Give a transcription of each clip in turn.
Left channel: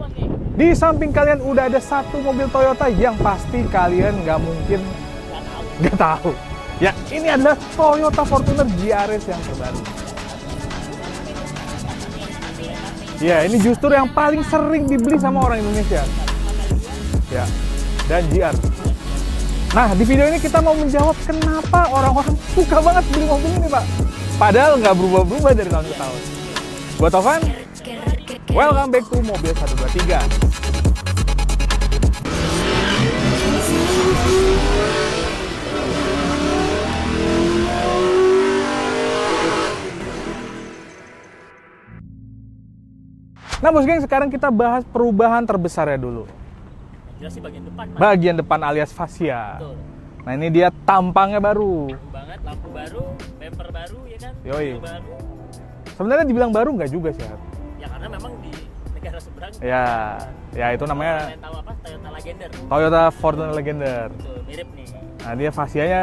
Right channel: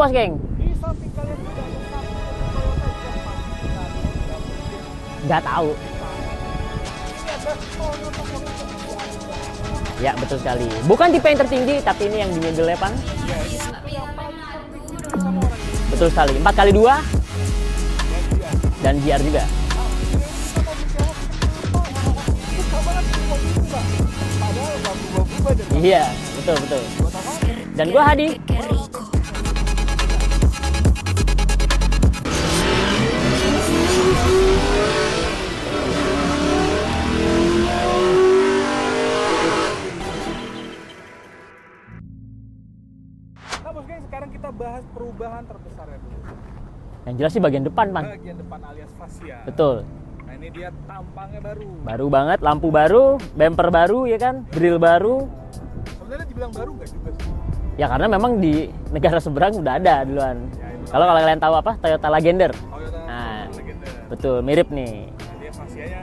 Bos Geng? Di samping kalian udah ada satu mobil Toyota yang pasti kalian nggak mungkin Nggak tahu. Ya, ini adalah Toyota Fortuner GRS yang terbaru. Ya, betul sekali. Bukan tipe yang tertinggi, tapi ini yang di mobilnya, Pan. Ya, ini justru yang paling sering dibeli sama orang Indonesia. Betul sekali. 4x2 Ya, dan GR. dan GR juga. Nah, di video ini kita mau menjawab kenapa orang-orang suka banget beli mobil ini, Pak. Padahal nggak berubah-berubah dari tahun Iya, ke tahun. betul. Gua Tovan, Dan gua Hadi. welcome back to Mobil 123. Nah, Bos Geng, sekarang kita bahas perubahan terbesarnya dulu. Yang jelas sih bagian depan, Pan. Bagian depan alias fascia. Betul. Nah, ini dia tampangnya baru. Baru banget, lampu baru, bumper baru, ya kan? Yoi. Grill baru. Sebenarnya dibilang baru nggak juga sih. Ya karena memang di negara seberang udah Ya. ada duluan. Ya, itu Kalau namanya kalian tahu apa? Toyota Legender. Toyota Nah, Fortuner Legender. Betul, mirip nih. Nah, dia fascianya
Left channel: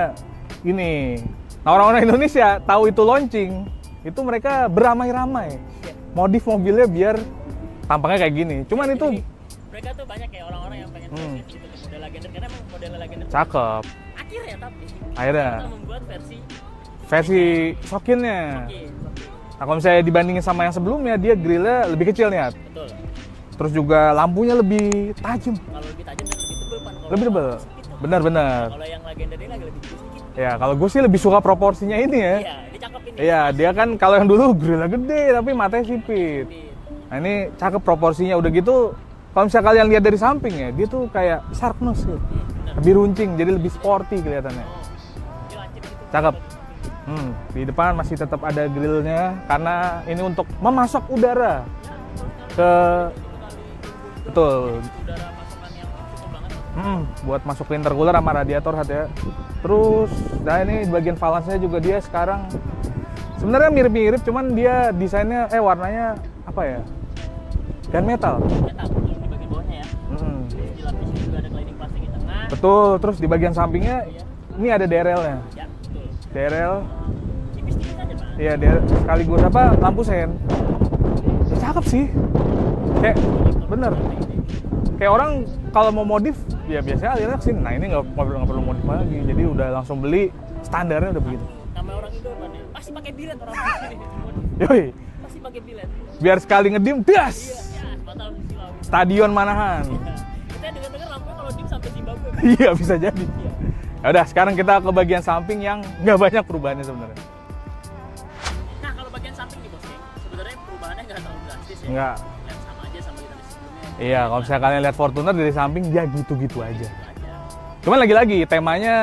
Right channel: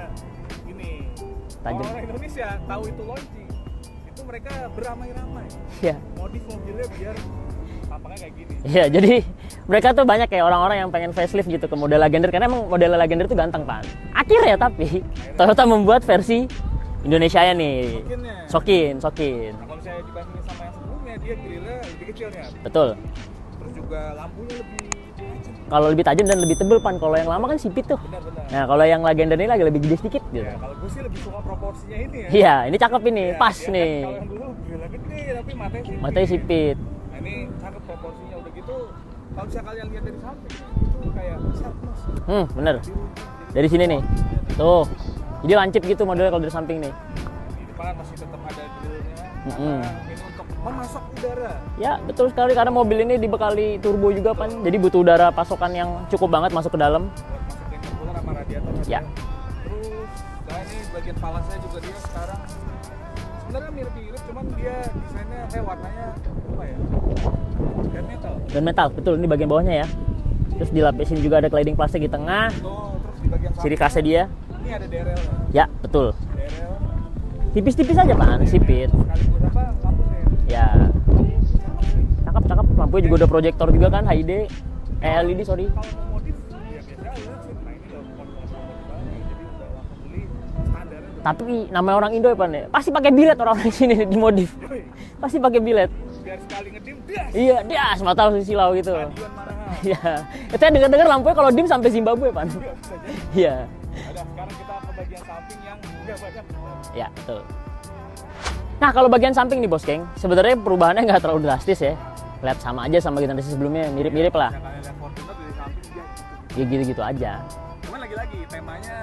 ini. Nah, orang-orang Indonesia tahu itu launching, itu mereka beramai-ramai Iya. modif mobilnya biar tampangnya kayak gini. Iya, Cuman itu jadi mereka tuh banyak kayak orang-orang yang pengen facelift gitu ke model Legender karena emang model Legender tuh Cakep. ganteng, Pak. Akhirnya tapi Akhirnya. Toyota membuat versi Indonesia versi nih. Sokinnya. Sokin. Nah, kalau misalnya dibandingin sama yang sebelumnya, dia grillnya lebih kecil nih. At. Betul. Terus juga lampunya lebih tajam. Kalau lebih tajam dan lebih tebel, Pan. Kalau yang Lebih lama tebel. kan sipit tuh. Benar-benar. Nah, kalau yang Legender ini lagi lebih gede sedikit. gitu. Ya, kalau gue sih lebih suka proporsinya ini ya. Iya, ini cakep ini. Iya, Pas dia nih. kan kalau yang dulu grillnya gede tapi matanya sipit. matanya sipit. Nah, ini cakep proporsinya. Udah gitu, kalau misalnya kalian lihat dari samping ya, dia tuh kayak shark nose gitu. Bener. Lebih runcing, jadi Dari lebih sini nih. sporty kelihatan. Tuh. Jadi lancip gitu modelnya Cakep. kalau dari samping nih. Di depan masih tetap ada grillnya karena ini untuk memasok udara. Ya, betul sekali karena mobil ini dibekali turbo juga, Betul. Pan. Jadi butuh udara pasokan yang cukup banget masuk ke dalam. Buat masukin intercooler sama radiator Ya. Terus, nah ini bagian valance-nya juga dia sekarang sebenarnya mirip-mirip, cuman dia desainnya warnanya apa ya? Gunmetal. Dan metal, betul. Ini bagian bawahnya ya. Terus dilapisin juga ada cladding plastik di tengah. Betul, terus di bagian Ciri sampingnya khasnya dia. ini ada DRL-nya. Ya, betul. DRL, Tipis-tipis aja, Pak. ya Sipit. DRL sekaligus apa? Lampu sen. Ya, Cakep sih. cakep. Lampunya Kayak- juga udah proyektor juga bener. kan, HD. Kayak orang LED, sorry. kalau mau modif, ya biasanya alirnya kesini. Nah, ini nggak perlu modif lagi. Jadi udah langsung beli, standarnya udah beli. Tapi namanya orang Indo ya, Pan. Ya? Pasti pakai bilet orang di sini di modif. Yoi, Pasti pakai bilet. biar sekali ngedim, das! Iya, dia semata silau gitu. Stadion Manahan. Iya. Kita dengar-dengar lampunya kalau dim sampai Zimbabwe, Pan. Iya, bisa jadi. Iya. Ya udah, sekarang kita ke bagian samping yang nggak banyak perubahannya Ya, sebenarnya. betul. Nah, kalau bagian samping nih, Bos Geng, sebenarnya perubahannya nggak terlalu drastis ya. Enggak. Lihat sama aja sama generasi sebelumnya, Iya, mirip-mirip kalau lah. misalnya kalian lihat Fortuner dari samping, ya gitu-gitu aja. Gitu-gitu aja. Cuman lagi-lagi, temanya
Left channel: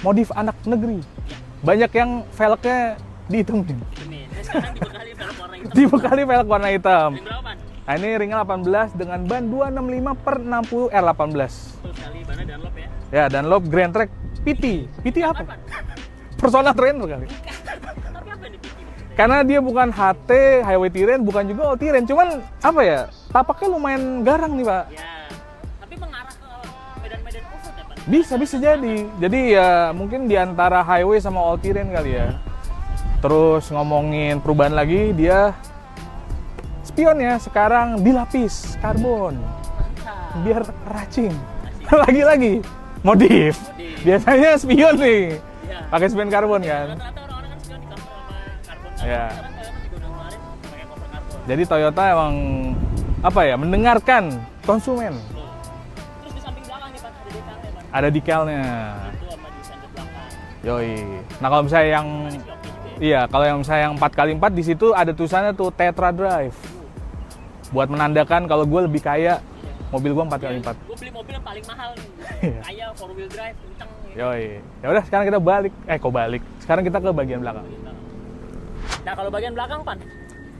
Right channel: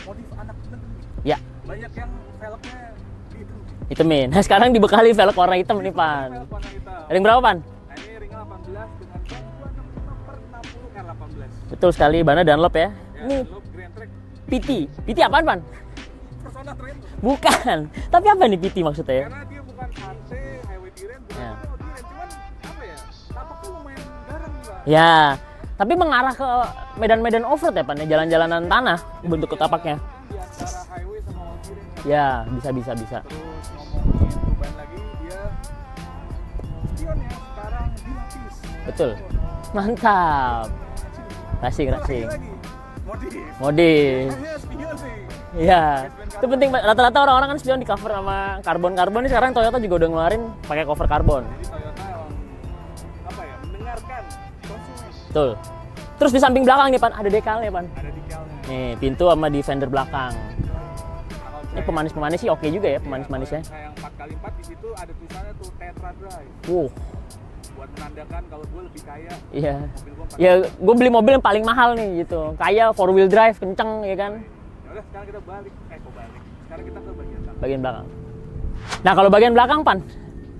modif anak negeri. Ya, Banyak yang velgnya dihitemin. hitemin. Nah, sekarang dibekali velg warna hitam nih, Pan. Dibekali velg warna hitam. Ring berapa, Pan? Nah, ini ringnya 18 dengan ban 265/60 R18. Betul sekali, bannya Dunlop ya. Ya, Dunlop Grand Track PT. PT apaan, Pan? Persona Trainer kan? Bukan. Tapi apa nih PT maksudnya? Karena dia bukan HT, Highway Terrain, bukan juga All Terrain. Cuman, apa ya, tapaknya lumayan garang nih, Pak. Ya, tapi mengarah ke medan-medan off-road ya, Pan? Bisa Jalan-jalanan jadi. tanah. Jadi bentuk ya tapaknya. mungkin di antara highway sama All Terrain kali ya. Ya, bisa. Terus ngomongin perubahan lagi, dia spionnya sekarang dilapis karbon. Mantap. Biar racing. Kasih. Lagi-lagi modif. Modif. Biasanya spion nih. Iya. Pakai spion Itu karbon penting, kan? Rata-rata orang-orang kan spion di cover sama karbon. Iya. Ini sekarang Toyota juga udah ngeluarin pakai cover karbon. Jadi Toyota emang apa ya, mendengarkan konsumen. Betul. Terus di samping belakang nih, Pan, ada dekalnya, Pan. Ada decalnya. Nih, pintu sama di fender belakang. Yoi. Nah, kalau misalnya yang Manis-manis sih oke juga ya. iya, kalau yang Manis-manisnya. misalnya yang 4x4 di situ ada tulisannya tuh Tetra Drive. Buat menandakan kalau gue lebih kaya, Iya. mobil gue 4x4. Ya, gue beli mobil yang paling mahal nih gitu. Kayak 4-wheel drive, kenceng ya kan. Yoi. Ya udah, sekarang kita balik. Balik. Sekarang kita ke bagian belakang. Bagian belakang. Nah, kalau bagian belakang, Pan,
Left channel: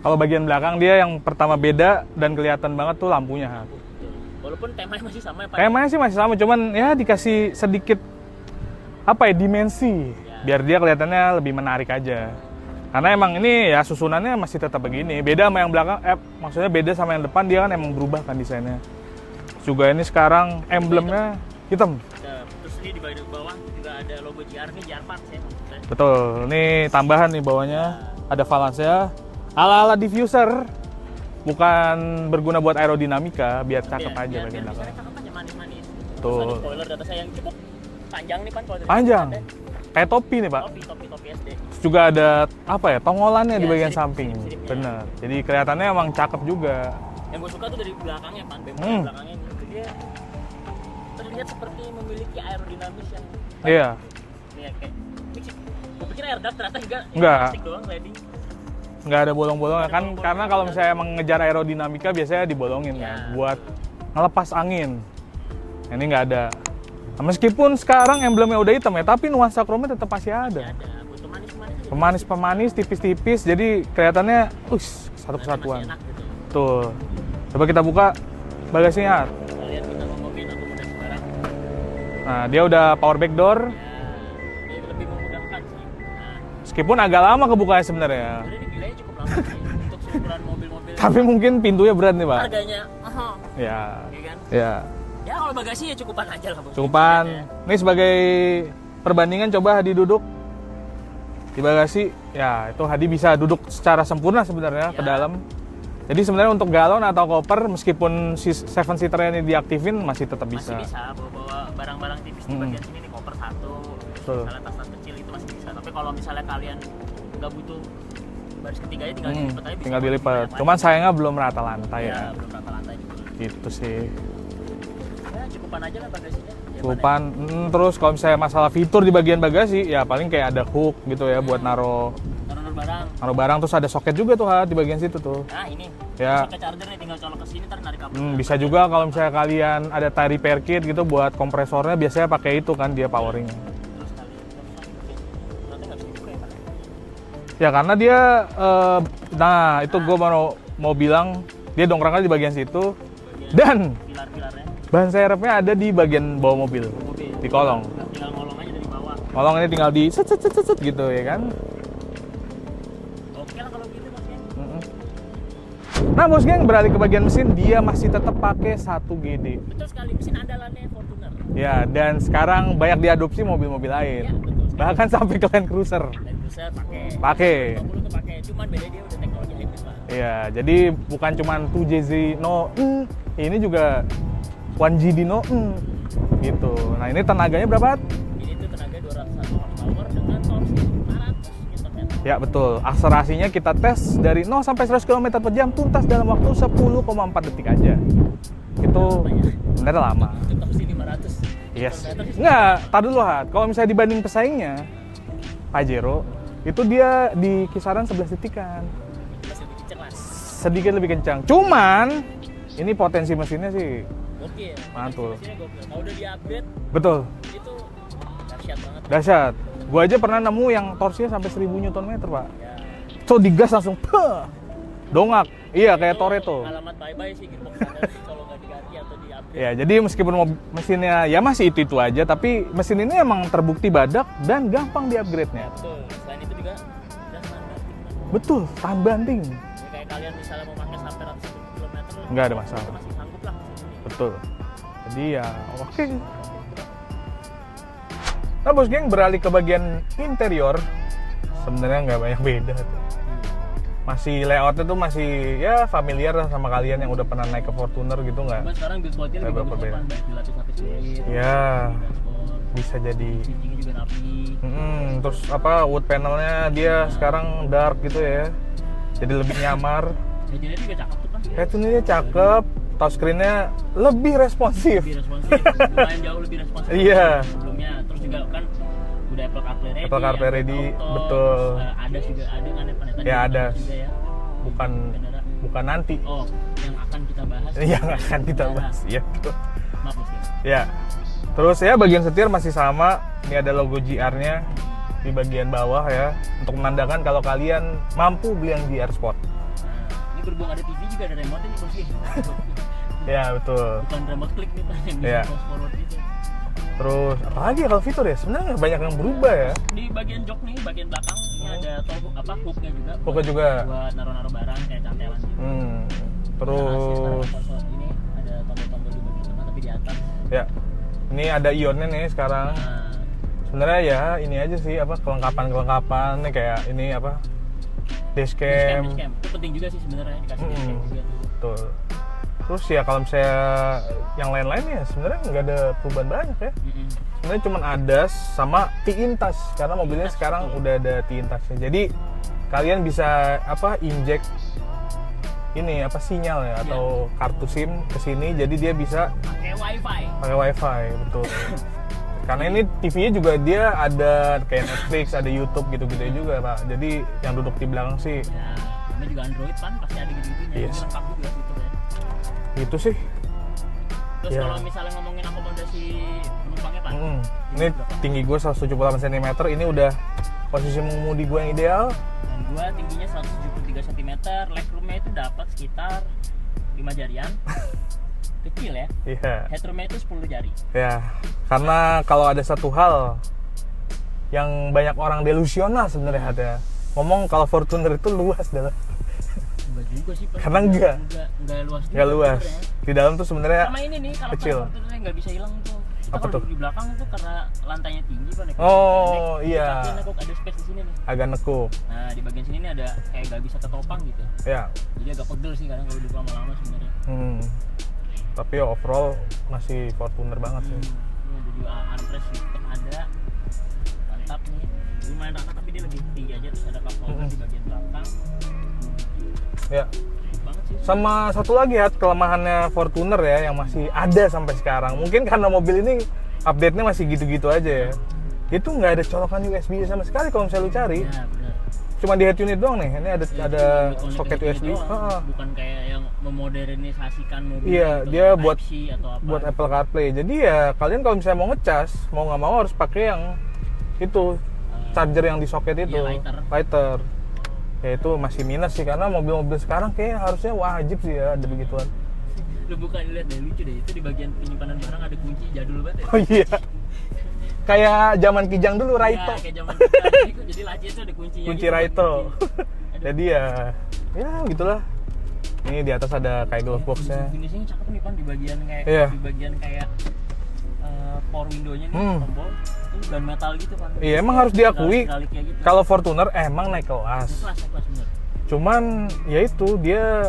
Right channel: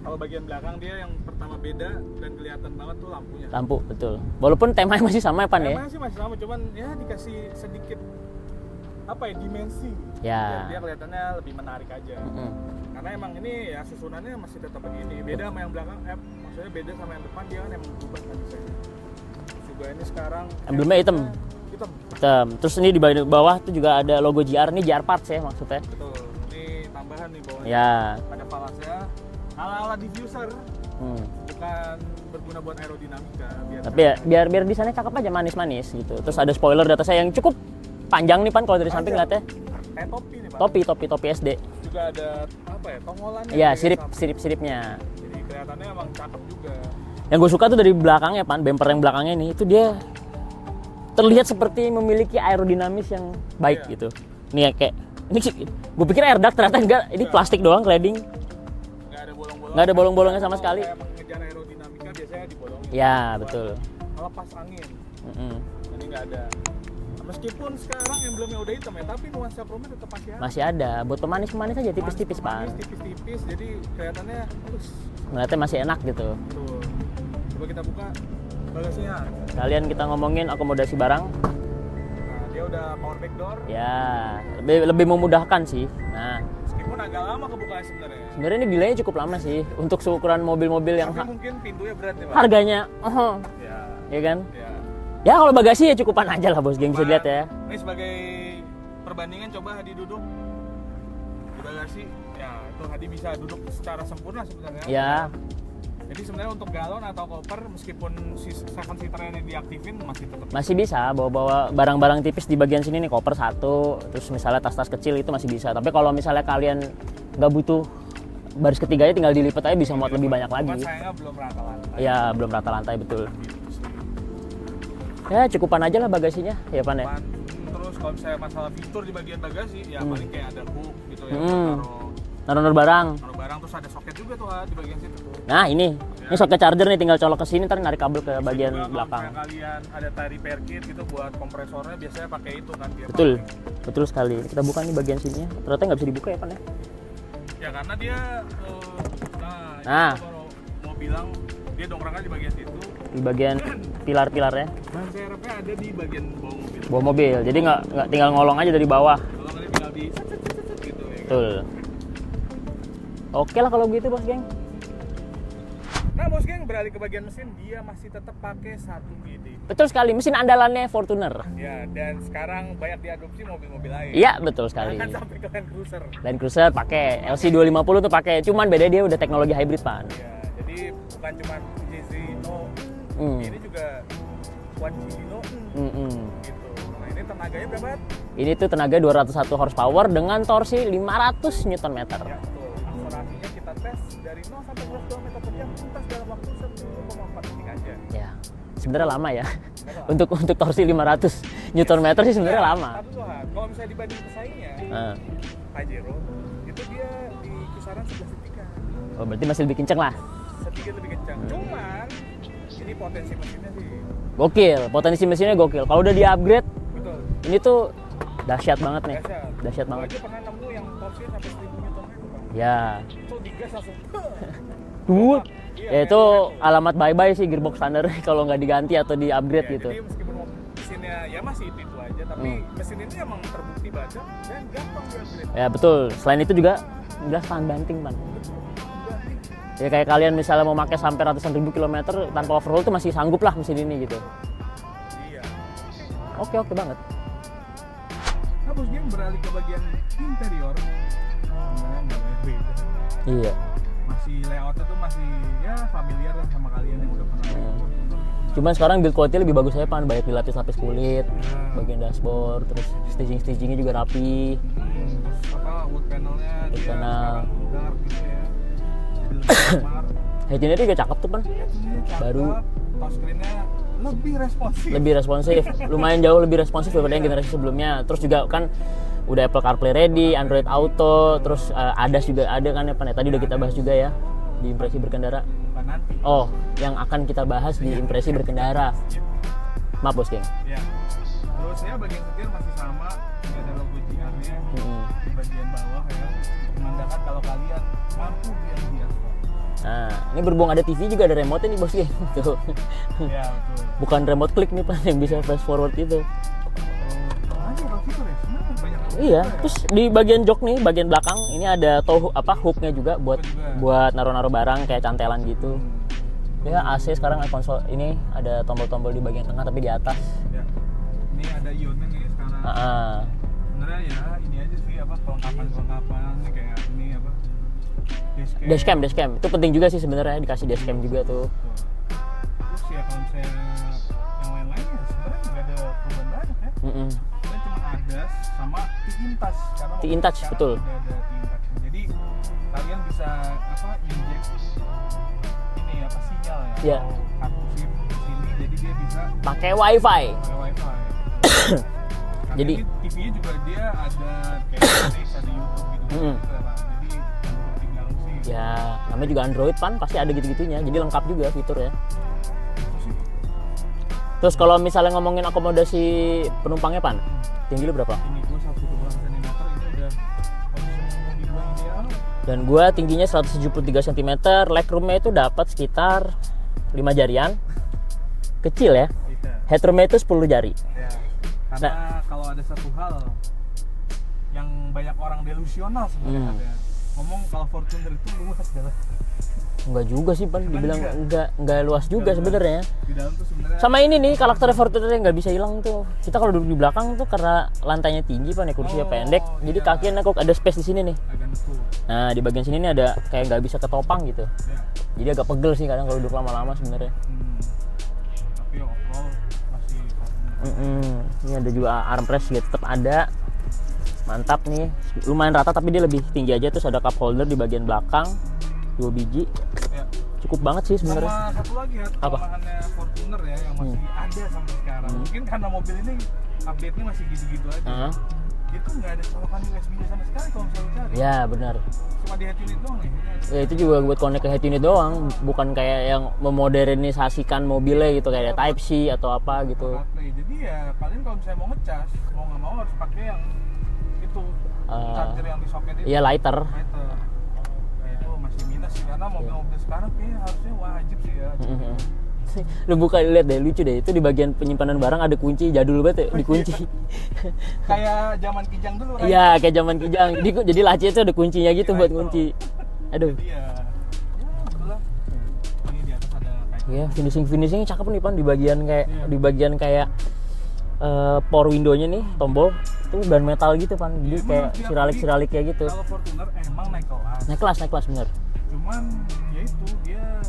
Kalau bagian belakang dia yang pertama beda dan kelihatan banget tuh lampunya. lampu, betul. Walaupun temanya masih sama ya, Pan. Temanya sih masih sama, cuman ya dikasih sedikit apa ya, dimensi. Ya. Biar dia kelihatannya lebih menarik aja. Karena emang ini ya susunannya masih tetap begini. Beda sama yang belakang, maksudnya beda sama yang depan, dia kan emang berubah kan desainnya. Juga ini sekarang Emblemnya emblemnya hitam. Hitam. Terus ini di bagian bawah tuh juga ada logo GR, ini GR Parts ya maksudnya. Betul, ini tambahan nih bawahnya. Ya. Ada valance-nya. Ala-ala diffuser. bukan berguna buat aerodinamika, biar cakep aja. Biar desainnya cakep aja, manis-manis gitu. Terus ada spoiler di atasnya yang cukup panjang nih Pan kalau dari samping Panjang. lihatnya. Kayak topi nih Pak. Topi SD. Terus juga ada apa ya, tongolannya di Ya, bagian samping. sirip-siripnya. Benar. Jadi kelihatannya emang cakep juga. Yang gue suka tuh dari belakangnya Pan, bumper yang belakangnya ini itu dia terlihat seperti memiliki aerodinamis yang baik Iya. gitu. Nih ya, kayak ini sih, gue pikir air duct ternyata enggak, ini Enggak. plastik doang cladding. Nggak ada bolong-bolong. Nggak ada bolong-bolong Karena sama kalau sekali. misalnya emang ngejar aerodinamika biasanya dibolongin Ya, buat betul. ngelepas angin. Mm-mm. Ini nggak ada. Nah, meskipun sekarang emblemnya udah hitam ya, tapi nuansa chrome tetap masih ada. Masih ada buat pemanis-pemanis aja. Pemanis, tipis-tipis, jadi kelihatannya, Ternyata masih enak gitu. Tuh. Coba kita buka bagasinya. Kalian kita ngomongin akomodasi barang, Nah, dia udah power back door. ya lebih memudahkan sih. Nah, Meskipun agak lama kebukanya sebenarnya. sebenarnya ini delaynya cukup lama sih untuk seukuran mobil-mobil yang Tapi mungkin pintunya berat nih, Pak. harganya, Ya. ya kan? Ya. Ya kalau bagasi ya cukupan aja lah bos. Geng, Cuman, lihat ya. ini sebagai perbandingan coba Hadi duduk di bagasi, ya itu Hadi bisa duduk secara sempurna sebenarnya Ya. ke dalam. Jadi sebenarnya untuk galon atau koper, meskipun si 7-seater ini diaktifin masih tetap bisa. Masih bisa bawa-bawa barang-barang tipis di bagian sini nih, koper satu, terus Betul. misalnya tas-tas kecil itu masih bisa. Tapi kalau misalnya kalian nggak butuh baris ketiganya, tinggal dilipat aja bisa Tinggal muat lebih dilipat. banyak lagi. Cuman sayangnya belum rata lantai. Ya belum rata lantai betul. Gitu sih. Ya cukupan aja lah bagasinya, ya Pan ya. Depan, terus kalau misalnya masalah fitur di bagian bagasi, ya paling kayak ada hook gitu ya buat naruh Naruh barang. barang, terus ada soket juga tuh di bagian situ tuh. Nah ini, Ya. ini soket charger nih, tinggal colok ke sini, ntar narik kabel ke Bisa bagian juga kalau belakang. misalnya kalian ada tie repair kit gitu buat kompresornya, biasanya pakai itu kan dia Betul, powering. betul sekali. Kita buka nih bagian sininya, ternyata nggak bisa dibuka ya Pan ya. Ya karena dia, nah itu Nah. gue mau bilang dia dongkraknya di bagian situ Di bagian dan pilar-pilarnya, ban serepnya ada di bagian bawah mobil. bawa mobil. Di Jadi kolong. nggak tinggal ngolong aja dari bawah. Kolong ini tinggal di set gitu ya kan. Betul. Oke lah kalau gitu bos geng. Nah bos geng, beralih ke bagian mesin, dia masih tetap pakai 1 GD. Betul sekali, mesin andalannya Fortuner. Ya, dan sekarang banyak diadopsi mobil-mobil lain. Iya betul sekali. Bahkan sampai ke Land Cruiser. Land Cruiser pakai, Pakai. LC250 tuh pakai. Cuman beda dia udah teknologi hybrid Pan. Ya, jadi bukan cuma 2JZ no, ini juga 1GD no, gitu. Nah ini tenaganya berapa? Ini tuh tenaga 201 horsepower dengan torsi 500 Nm. Ya betul, akselerasinya kita tes dari 0 sampai 100 km per jam tuntas dalam waktu 10,4 detik aja. Ya. Sebenarnya lama ya. Sebenarnya lama. Untuk torsi 500 Nm sih sebenarnya Nggak, lama. tar dulu Hat. Kalau misalnya dibanding pesaingnya, Nah, Pajero, itu dia di kisaran 11 detikan. oh, berarti masih lebih kenceng lah. Sedikit lebih kencang. Cuman, ini potensi mesinnya sih, Gokil, potensi Mantul. mesinnya gokil. Kalau udah di-upgrade, betul, ini tuh dahsyat banget nih. dahsyat. Dahsyat Gua aja pernah nemu yang torsinya sampai 1000 Nm, Pak. Ya. So digas langsung, dongak. Iya, Ya, kayak itu Toretto. alamat bye-bye sih gearbox standar kalau nggak diganti atau di-upgrade Ya, gitu. jadi meskipun mesinnya ya masih itu aja, tapi mesin ini emang terbukti badak dan gampang di-upgrade. Ya betul. Selain itu juga jelas tahan banting, Pan. Betul, tahan banting. Ya kayak kalian misalnya mau pakai sampai ratusan ribu kilometer, Nggak ada off-road tuh masih sanggup lah mesin ini gitu. Betul. Jadi ya, oke. Oke banget. Nah bos geng, beralih ke bagian interior, sebenarnya nggak banyak beda. Iya. Masih layoutnya tuh masih ya familiar lah sama kalian yang udah pernah naik ke Fortuner gitu nggak? Cuman sekarang build quality lebih Nggak bagus aja, berbeda. Pan. Banyak dilapis-lapis kulit, Ya. bagian dashboard, terus Bisa jadi. stagingnya juga rapi. Terus apa wood panelnya dia Ya. sekarang dark gitu ya, jadi lebih nyamar. Headunitnya juga cakep tuh, Pan. Headunitnya cakep, touchscreen-nya lebih responsif. Lebih responsif, lumayan jauh lebih responsif Iya. dibanding generasi sebelumnya. Terus juga kan udah Apple CarPlay ready, Apple CarPlay Android ready, Auto, betul. terus ADAS juga ada kan ya Pan. Tadi Ya, udah kita bahas ADAS. juga ya di versi berkendara. Bukan nanti. Oh, yang akan kita bahas di Iya, versi akan kita berkendara. bahas. Iya. Maaf bos, geng. Ya. Terus ya bagian setir masih sama. Ini ada logo GR-nya di bagian bawah ya, untuk menandakan kalau kalian mampu beli yang GR Sport. Nah, ini berhubung ada TV juga ada remote nih bos, geng. Tuh. Ya betul. Bukan remote klik nih Pan yang bisa Iya. fast forward itu. Terus apa lagi kalau fitur ya? Sebenarnya banyak yang Iya, berubah ya. terus di bagian jok nih, bagian belakang ini ada hooknya juga buat Hooknya juga. buat naruh-naruh barang kayak cantelan gitu. Terus Ya, AC sekarang ada konsol ini ada tombol-tombol di bagian tengah tapi di atas. ya. Ini ada ionnya nih sekarang. Nah, Sebenarnya ya ini aja sih apa kelengkapan nih kayak ini apa dashcam. Dashcam. Itu penting juga sih sebenarnya, dikasih dashcam juga tuh. Betul. Terus ya kalau misalnya yang lain-lain ya sebenarnya nggak ada perubahan banyak ya. Sebenarnya cuma ADAS sama T-in-Touch karena mobilnya T-in-Touch, sekarang betul. udah ada T-in-Touch. Jadi kalian bisa inject ini sinyal ya atau kartu SIM ke sini, jadi dia bisa Pakai wifi. betul. Karena Jadi- ini TV-nya juga dia ada kayak Netflix, ada YouTube gitu-gitu juga Pak. Jadi yang duduk di belakang sih Ya, namanya juga Android Pan, pasti ada gitu-gitunya. Jadi lengkap juga fiturnya. itu sih. Terus Ya. kalau misalnya ngomongin akomodasi penumpangnya Pan, tinggi Ini berapa? tinggi gue 178 cm, ini udah posisi mengemudi gue yang ideal. Dan gua tingginya 173 cm, legroomnya itu dapat sekitar 5 jarian. Kecil ya. Iya. Headroomnya itu 10 jari. Ya, karena kalau ada satu hal yang banyak orang delusional sebenarnya ada ngomong kalau Fortuner itu luas dalam. Enggak juga sih Pan. Karena enggak luas juga Nggak luas. sebenarnya. Di dalam tuh sebenarnya Sama ini nih karakter kecil. Fortuner yang nggak bisa hilang tuh. Kita kalau duduk di belakang tuh karena lantainya tinggi Pan, ya kursi Oh, pendek. Jadi iya. kakinya nekuk, ada space di sini nih. agak nekuk. Nah di bagian sini nih ada kayak nggak bisa ketopang gitu. Ya. Jadi agak pegel sih kadang kalau duduk lama-lama sebenarnya. Tapi ya overall masih Fortuner banget. Ini ada juga armrest juga tetap ada. Mantap nih. Lumayan rata tapi dia lebih tinggi aja. Terus ada cup holder di bagian belakang. 2 biji. Ya. Cukup banget sih sebenarnya. Sama satu lagi ya kelemahannya Fortuner ya yang masih ada sampai sekarang. Mungkin karena mobil ini update-nya masih gitu-gitu aja ya. Itu nggak ada colokan USB sama sekali kalau misalnya lu cari. Ya benar. Cuma di head unit doang nih. Ini ada Ya, itu juga buat connect ke soket head unit USB. doang, Ah, bukan kayak yang memodernisasikan mobilnya Iya, gitu dia kayak buat- Type-C atau apa buat gitu. Apple CarPlay. Jadi ya kalian kalau misalnya mau ngecas, mau nggak mau harus pakai yang itu charger yang di soket itu. Iya, lighter. Lighter. Ya itu masih minus sih karena mobil-mobil sekarang kayaknya harusnya wajib sih ya ada begituan. Lu buka lihat deh, lucu deh. Itu di bagian penyimpanan barang ada kunci jadul banget ya. Oh, iya. Kunci. Kayak zaman Kijang dulu, Ray. Iya, kayak zaman kejang. Jadi laci itu ada kuncinya Kunci gitu buat Raito. kunci. Aduh. Jadi ya gitulah. Ini di atas ada kayak glove Ya, box-nya. finishingnya cakep nih Pan, di bagian kayak Iya. di bagian kayak power window-nya nih, tombol itu ban metal gitu Pan. Iya, Jadi emang kayak harus diakui. siralik kayak gitu. Kalau Fortuner emang naik kelas. naik kelas bener. Cuman ya itu dia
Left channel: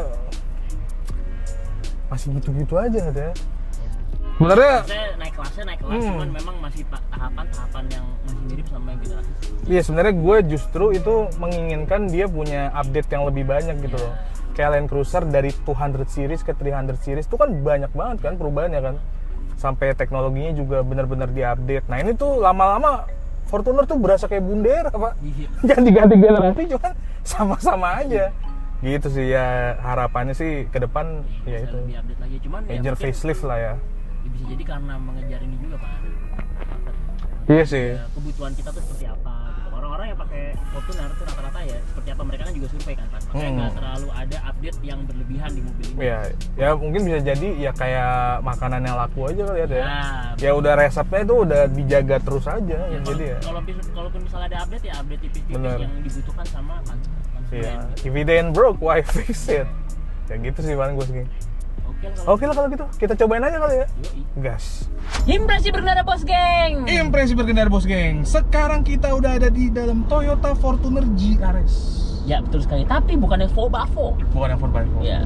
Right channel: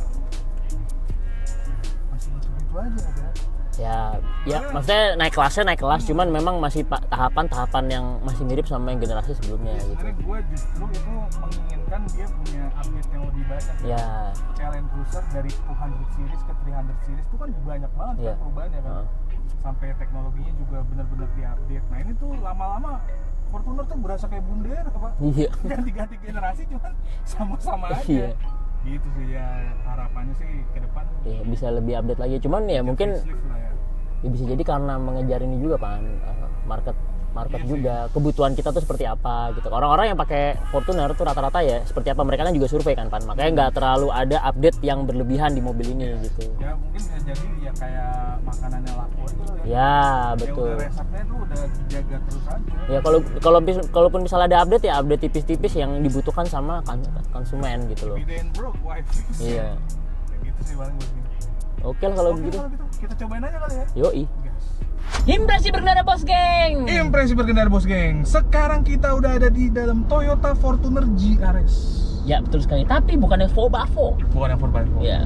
masih gitu-gitu aja gitu ya. Ya, Sebenarnya- maksudnya naik kelas, cuman memang masih tahapan-tahapan yang masih mirip sama yang generasi sebelumnya. Iya sebenarnya gue justru itu menginginkan dia punya update yang lebih banyak gitu. Ya. Kayak Land Cruiser dari 200 series ke 300 series itu kan banyak banget kan perubahannya kan. Sampai teknologinya juga benar-benar diupdate. Nah ini tuh lama-lama Fortuner tuh berasa kayak bundera Pak. Iya. Ganti-ganti generasi cuman sama-sama aja. Iya. Gitu sih ya harapannya sih ke depan Ya, bisa lebih update lagi. Cuman ya major mungkin facelift lah ya. ya bisa jadi karena mengejar ini juga Pan, market Iya sih. juga kebutuhan kita tuh seperti apa gitu. Orang-orang yang pakai Fortuner tuh rata-rata ya seperti apa, mereka kan juga survei kan Pan. Makanya nggak terlalu ada update yang berlebihan di mobil ini Ya, gitu. ya mungkin bisa jadi ya kayak makanan yang laku aja kali ya. Ya, Ya betul. udah resepnya itu udah dijaga terus aja. Ya Jadi kalaupun misalnya ada update ya update tipis-tipis Benar. yang dibutuhkan sama konsumen gitu. If it ain't broke, why fix Iya. it? Ya gitu sih paling gue segini. Oke lah kalau Oke lah kalau gitu, kita cobain aja kali ya. Yoi. Gas. Impresi berkendara bos geng. Impresi berkendara bos geng. Sekarang kita udah ada di dalam Toyota Fortuner GRS. Ya betul sekali. Tapi bukan yang Bavo. Bukan yang 4x4. Ya.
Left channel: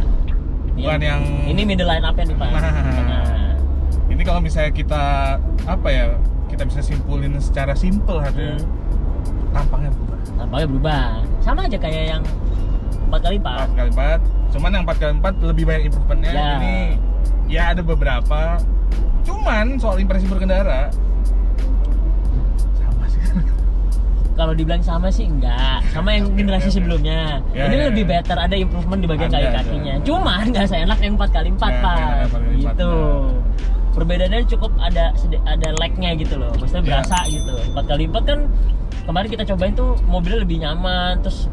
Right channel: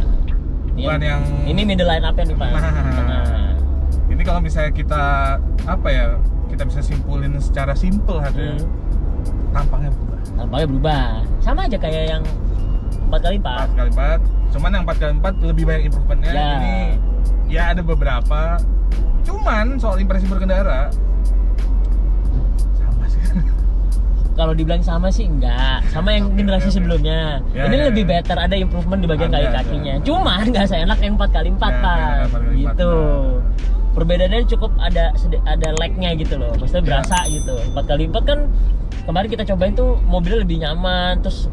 Bukan yang Ini middle line up nih Pak. Nah. Ini kalau misalnya kita kita bisa simpulin secara simpel harusnya. Tampangnya berubah. Tampaknya berubah. Sama aja kayak yang 4x4. 4x4. Cuman yang 4x4 lebih banyak improvementnya. Ya. Ini ya ada beberapa. Cuman soal impresi berkendara sama sih. Kalau dibilang sama sih enggak. Sama yang generasi sebelumnya. Ya, Ini ya, lebih ya. better, ada improvement di bagian Ada, kaki-kakinya. Cuman nggak seenak yang 4x4 Ya, Pak. yang 4x4, Gitu. Perbedaannya cukup ada lag-nya gitu loh. Maksudnya Ya. berasa gitu. 4x4 kan kemarin kita cobain tuh mobilnya lebih nyaman, terus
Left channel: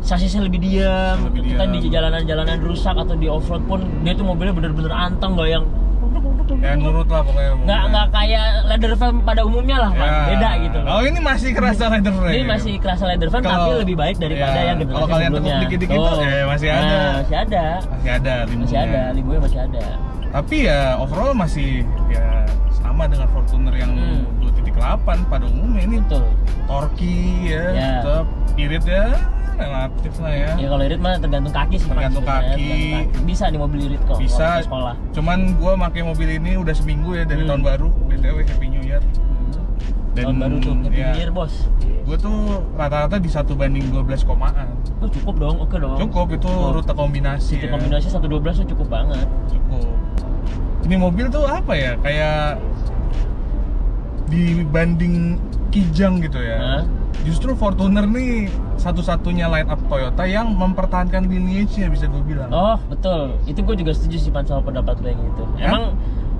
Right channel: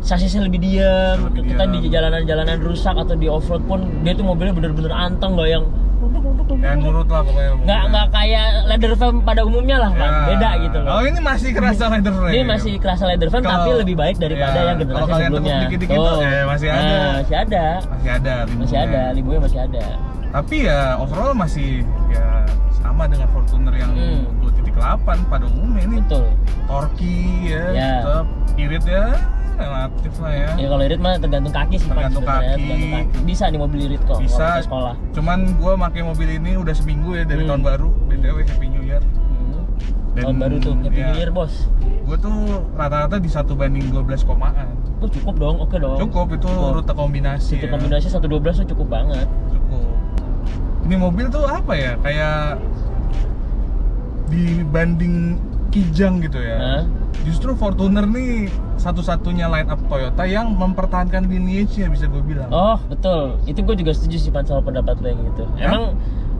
sasisnya lebih diam. Lebih Kita di diam. jalanan-jalanan rusak atau di off-road pun dia tuh mobilnya bener-bener anteng, nggak yang Ya nurut lah pokoknya. nggak kayak leather frame pada umumnya lah Pak. Ya. Beda gitu loh. Oh ini masih kerasa leather frame. Ini masih kerasa leather frame tapi Kalau- lebih baik daripada ya, yang generasi kalau kalian sebelumnya. tekuk dikit-dikit tuh, masih ada. Nah, masih ada. Masih ada limbungnya. Masih ada, limbungnya masih ada. Tapi ya overall masih ya sama dengan Fortuner yang 2.0 V8 pada umumnya ini Betul. torki ya, Ya. tetap irit ya relatif lah ya. Ya kalau irit mah tergantung kaki sih. Pak, Tergantung sebenarnya. kaki. Tergantung kaki. Bisa nih mobil irit kok. Bisa. kalau ke sekolah. Cuman gua pakai mobil ini udah seminggu ya dari tahun baru. BTW Happy New Year. Tahun baru tuh, Happy New Year bos. Gue tuh rata-rata di 1:12 komaan. Oh cukup dong, oke dong. Cukup itu rute kombinasi. Itu ya. kombinasi 112 tuh cukup banget. Cukup. Ini mobil tuh apa ya? Kayak dibanding Kijang gitu ya. Hah? Justru Fortuner nih satu-satunya line up Toyota yang mempertahankan lineage-nya bisa gue bilang. Oh betul, itu gue juga setuju sih Pan sama pendapat lo yang itu. Ya? Emang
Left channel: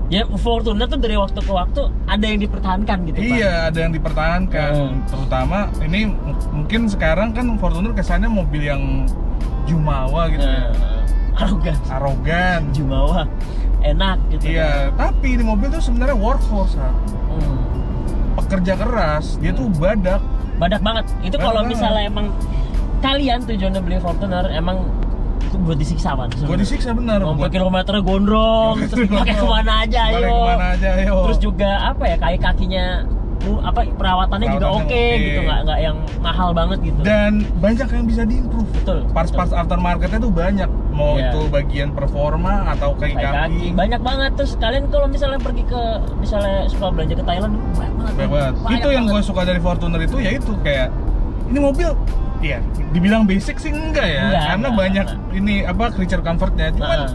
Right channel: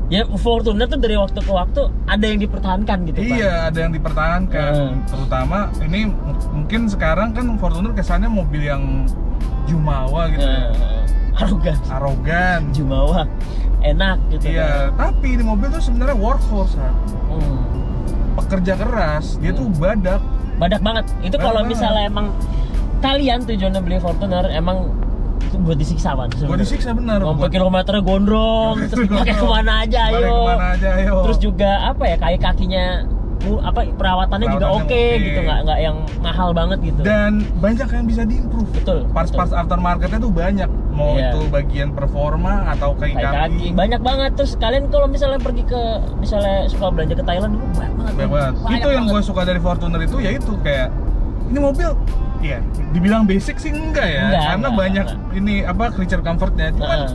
ya Fortuner tuh dari waktu ke waktu ada yang dipertahankan gitu Pan. Iya, ada yang dipertahankan. Terutama ini mungkin sekarang kan Fortuner kesannya mobil yang jumawa gitu ya. Arogan. Arogan. Jumawa. Enak gitu. Iya, tapi ini mobil tuh sebenarnya workhorse, Han. Pekerja keras, dia tuh badak. Badak banget. Itu kalau Badak misalnya emang kalian tujuannya beli Fortuner emang itu buat disiksa Pan. Buat disiksa bener. Sampai kilometernya gondrong, terus pakai kemana aja ayo. Pakai kemana aja ayo. Terus juga apa ya kakinya perawatannya juga oke oke. gitu, nggak yang mahal banget gitu. Dan banyak yang bisa diimprove. Betul. Parts-parts aftermarketnya tuh banyak. Mau Iya. itu bagian performa atau kayak kaki. Banyak banget. Terus kalian kalau misalnya pergi ke misalnya suka belanja ke Thailand dulu banyak banget. Banyak banget. Itu yang gue suka dari Fortuner itu yaitu kayak ini mobil. Iya, dibilang basic sih enggak ya, karena banyak ini apa creature comfortnya. Cuman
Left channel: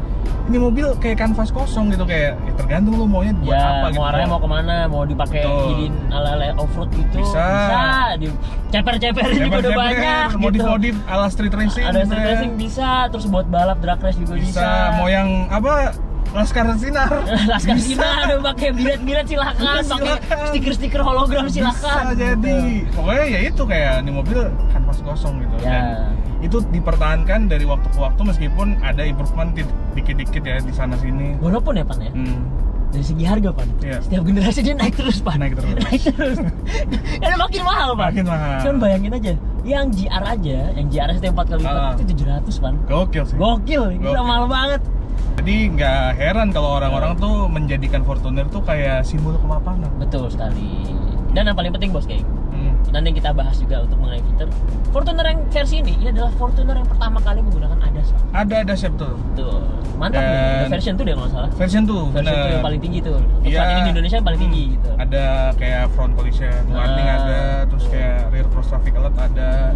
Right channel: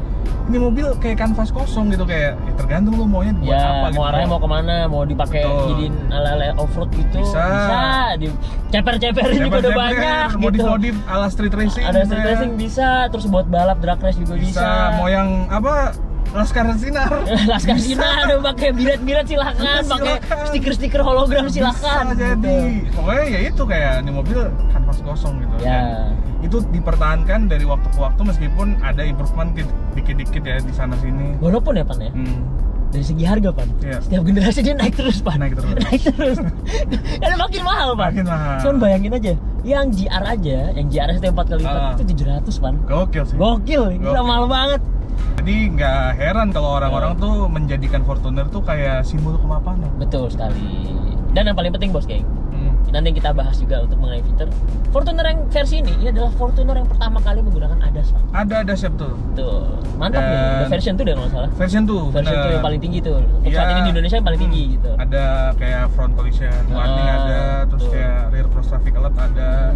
ini mobil kayak kanvas kosong gitu kayak ya tergantung lu maunya buat ya, apa gitu. mau arahnya mau kemana, mau dipakai jadiin ala-ala off-road gitu. Bisa. Di ceper-ceperin juga udah banyak gitu. Modif-modif ala street racing. Ada street racing bisa, terus buat balap drag race juga bisa. Mau yang apa? Laskar Sinar. Laskar Sinar udah pakai biret-biret silakan, pakai stiker-stiker hologram silakan. Bisa jadi. Pokoknya ya itu kayak ini mobil kanvas kosong gitu. Ya. Dan itu dipertahankan dari waktu ke waktu meskipun ada improvement dikit-dikit ya di sana sini. Walaupun ya Pan ya. Dari segi harga Pan, setiap generasi dia naik terus Pan. Naik terus. Karena makin mahal Pan. Makin mahal. Cuman bayangin aja, yang GR aja, yang GR setiap 4 kali lipat itu 700 Pan. Gokil sih. Gokil, gila mahal banget. Jadi nggak heran kalau orang-orang tuh menjadikan Fortuner tuh kayak simbol kemapanan. Betul sekali. Dan yang paling penting bos geng, nanti yang kita bahas juga untuk mengenai fitur Fortuner yang versi ini adalah Fortuner yang pertama kali menggunakan ADAS Pak. Ada ADAS betul. Tuh, mantap nih. Ada version 2 deh kalau nggak salah. Version 2, Version 2 yang paling tinggi tuh. Untuk saat ini di Indonesia yang paling tinggi gitu. Ada kayak front collision warning ada, terus kayak rear cross traffic alert ada,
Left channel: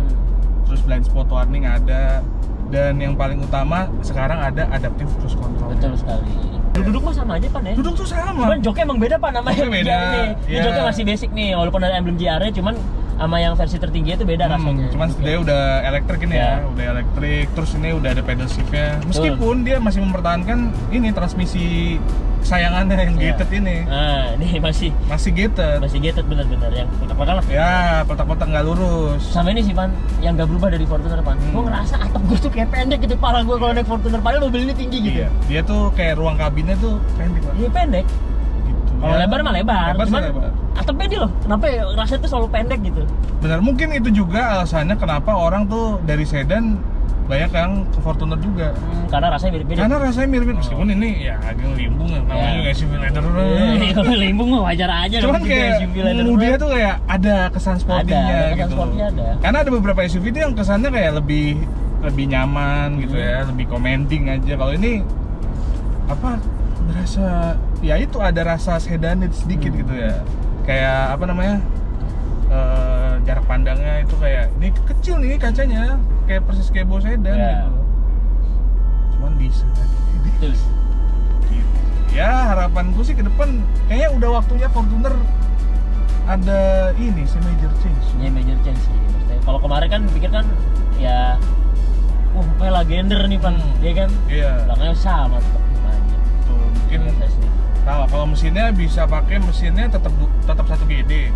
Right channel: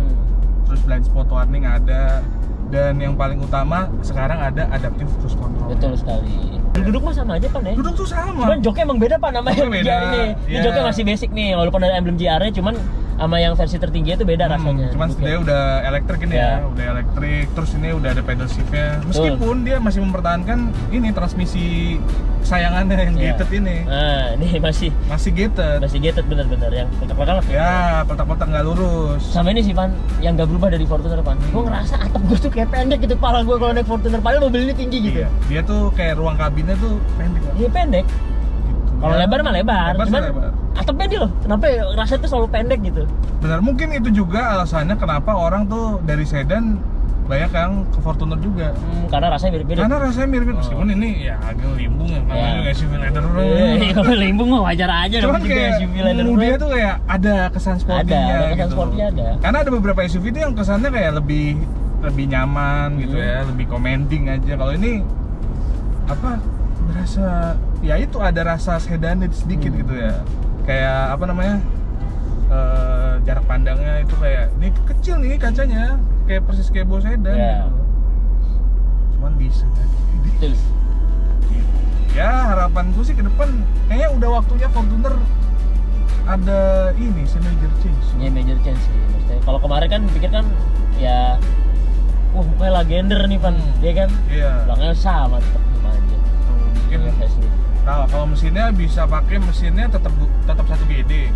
terus blind spot warning ada, dan yang paling utama sekarang ada adaptive cruise control. Betul sekali. Duduk mah sama aja Pan ya. Duduk tuh sama. Cuman joknya emang beda Pan namanya. Joknya beda. Ini joknya masih basic nih, walaupun ada emblem GR-nya, cuman sama yang versi tertinggi itu beda rasanya. Cuman dia udah elektrik ini ya, udah elektrik. Terus ini udah ada pedal shift-nya. Meskipun dia masih mempertahankan ini transmisi kesayangannya yang gated ini. Nah, ini masih gated. Masih gated benar-benar yang kotak-kotak. Ya, kotak-kotak nggak lurus. Sama ini sih Pan, yang nggak berubah dari Fortuner Pan. Gue ngerasa atap gue tuh kayak pendek gitu kepala gue kalau naik Fortuner. Padahal mobil ini tinggi gitu. Iya, dia tuh kayak ruang kabinnya tuh pendek lah. Iya pendek. Gitu. Kalau lebar mah lebar. Cuman lebar. atapnya dia loh. Kenapa ya rasanya tuh selalu pendek gitu? Benar, mungkin itu juga alasannya kenapa orang tuh dari sedan banyak yang ke Fortuner juga. Karena rasanya mirip-mirip. Karena rasanya mirip, meskipun ini ya agak limbung ya, namanya juga SUV leather. Kalau limbung mah wajar aja. Cuman kayak dia tuh kayak ada kesan sportinya gitu. Ada. Karena ada beberapa SUV tuh yang kesannya kayak lebih nyaman gitu ya, lebih commenting aja. Kalau ini apa berasa ya itu ada rasa sedan sedikit gitu ya. Kayak apa namanya? Jarak pandangnya itu kayak ini kecil nih kacanya, kayak persis kayak bawa sedan gitu. Cuman bisa gitu. Ya harapanku sih ke depan kayaknya udah waktunya Fortuner ada ini major change. Ya major change sih maksudnya. Kalau kemarin kan pikir kan ya kayak legender nih Pan, ya kan? Iya. Belakangnya sama tetap aja. Tuh, mungkin kalau mesinnya bisa pakai mesinnya tetap 1 GD.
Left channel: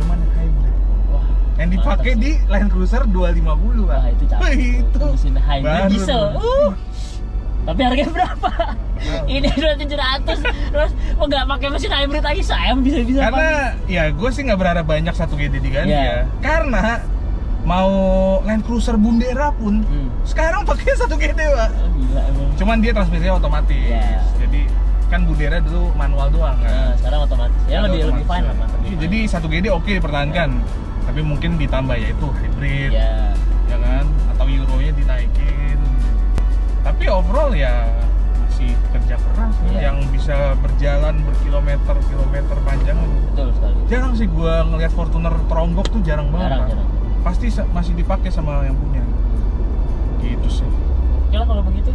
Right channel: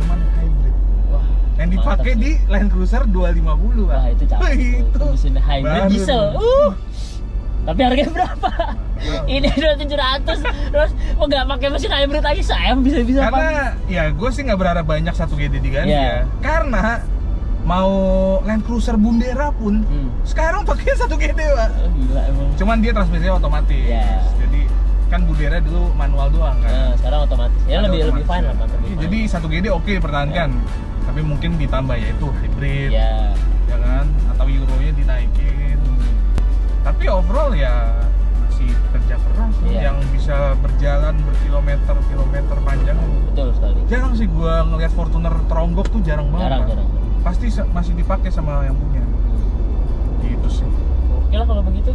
Cuman hybrid. Wah, yang dipakai di Land Cruiser 250 Wah, itu cakep. Itu mesin hybrid baru diesel. Tapi harganya berapa? Ini 2.700. Terus nggak pakai mesin hybrid lagi sayang bisa-bisa. Karena ya gue sih nggak berharap banyak 1 GD diganti ya. Karena mau Land Cruiser Bundera pun sekarang pakai 1 GD Pak. Oh, gila emang. Cuman dia transmisinya otomatis. Jadi kan Budera dulu manual doang kan. Nah, sekarang otomatis. Ya Ada lebih otomatis fine ya. lah kan. Iya, jadi 1GD oke dipertahankan. Tapi mungkin ditambah yaitu hybrid. Ya. Ya kan, atau euronya dinaikin. Tapi overall ya masih kerja keras Iya. yang bisa berjalan berkilometer-kilometer panjang. Betul sekali. Jarang sih gua ngelihat Fortuner teronggok tuh jarang banget. Pak. Jarang. Pasti masih dipakai sama yang punya. Gitu sih. Oke lah kalau begitu.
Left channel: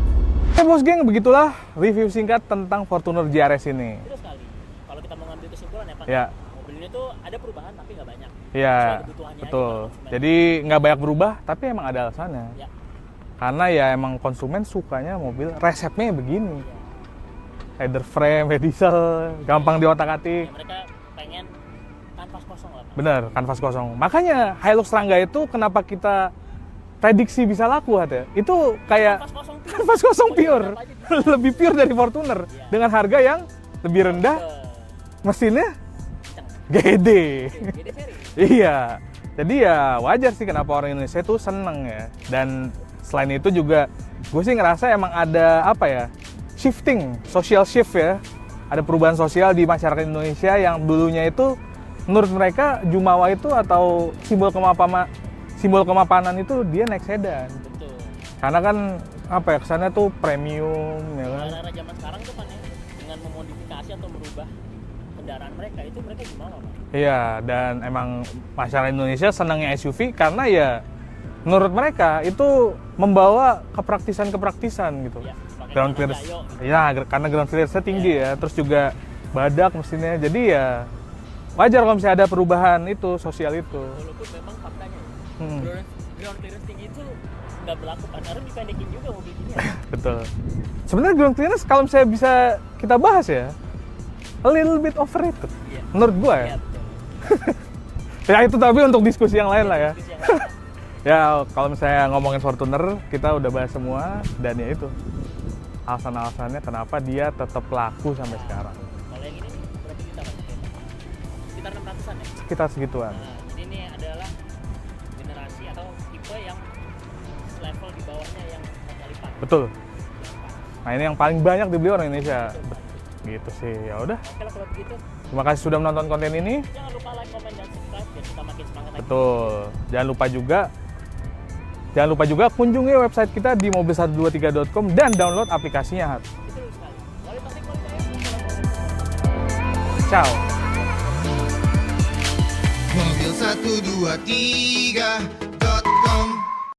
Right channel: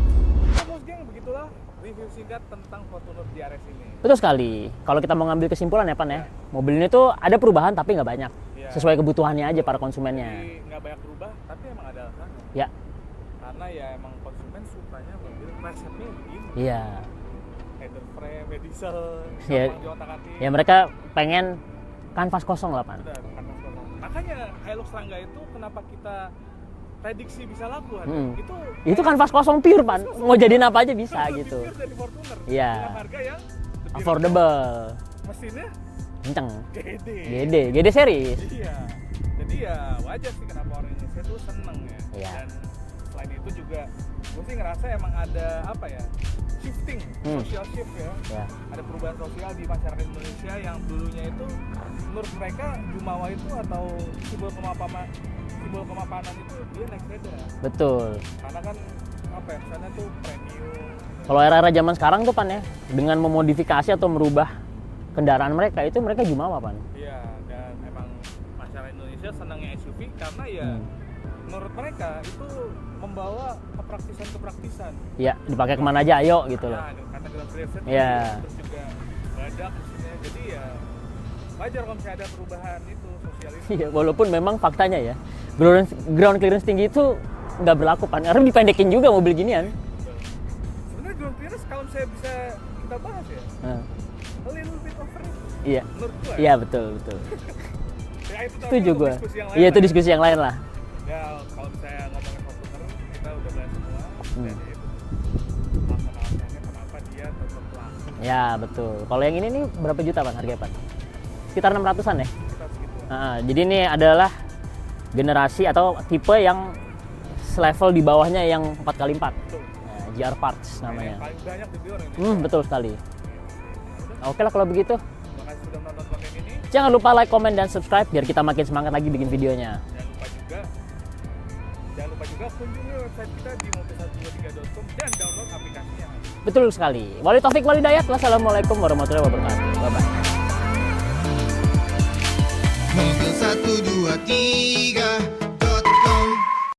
Oke bos geng, begitulah review singkat tentang Fortuner GRS ini. Betul sekali. Kalau kita mau ngambil kesimpulan ya Pan Ya. ya, mobil ini tuh ada perubahan tapi nggak banyak. Ya, Sesuai kebutuhannya aja betul. para konsumennya. Jadi nggak banyak berubah, tapi emang ada alasannya. Ya, Karena ya emang konsumen sukanya mobil resepnya begini. iya. Header frame, head diesel, gampang diotak-atik. Ya mereka pengen kanvas kosong lah Pan. Bener, kanvas kosong. Makanya Hilux Rangga itu kenapa kita prediksi bisa laku ada. Itu Itu kayak kanvas kosong pure kanvas Pan. kosong Mau pure. jadiin apa aja bisa. Lebih gitu. pure dari Fortuner. Iya. Dengan harga yang lebih rendah, Affordable. mesinnya Kenceng. gede. Gede seri. Iya. Jadi ya wajar sih kenapa orang Indonesia tuh seneng ya. Iya. Dan selain itu juga gue sih ngerasa emang ada apa ya, shifting, social shift ya. Ya. Ada perubahan sosial di masyarakat Indonesia yang dulunya itu menurut mereka Jumawa itu atau simbol kemapanan itu dia naik sedan. Betul. Karena kan apa ya, kesannya tuh premium. Ya. Kalau era-era zaman sekarang tuh Pan ya, dengan memodifikasi atau merubah kendaraan mereka itu mereka Jumawa Pan. Iya, dan emang masyarakat Indonesia senangnya SUV karena ya menurut mereka itu membawa kepraktisan gitu. Ya, dipakai Ground kemana aja clearance- ayo gitu. Ya, karena ground clearance tinggi Ya. ya, terus juga badak mesinnya. Jadi ya wajar kalau misalnya ada perubahan itu sosial itu. Iya, walaupun memang faktanya ya, Hmm. ground clearance tinggi itu nggak berlaku Pan. Karena dipendekin juga mobil ginian. Betul. Sebenarnya ground clearance kalau misalnya bisa kita bahas ya, Nah, a little bit overrated. iya. Menurut gua Iya ya. betul. Ya itu tapi Setuju untuk gua. diskusi yang lain Iya lah itu ya. diskusi yang lain lah. Ya kalau misalnya ngomongin Fortuner, kita udah bahas semua dan ya itu alasan-alasannya kenapa dia tetap laku sampai Ya sekarang. betul. Kalau yang ini nih berapa juta Pan harganya Pan? Sekitar 600-an ya. Kita segituan. Nah, jadi ini adalah generasi atau tipe yang selevel di bawahnya yang 4x4. Betul. Nah, GR Parts. Nah ini yang paling banyak dibeli orang Indonesia. Betul sekali. Gitu sih. Ya udah. Oke lah kalau begitu. Terima kasih sudah menonton konten ini. Jangan lupa like, comment, dan subscribe biar kita makin semangat lagi bikin Tuh. videonya. Jangan lupa juga kunjungi website kita di mobil123.com dan download aplikasinya. Betul sekali. Wali Taufik Walidayat. Wassalamualaikum warahmatullahi wabarakatuh. Ciao. Mobil 1, 2, 3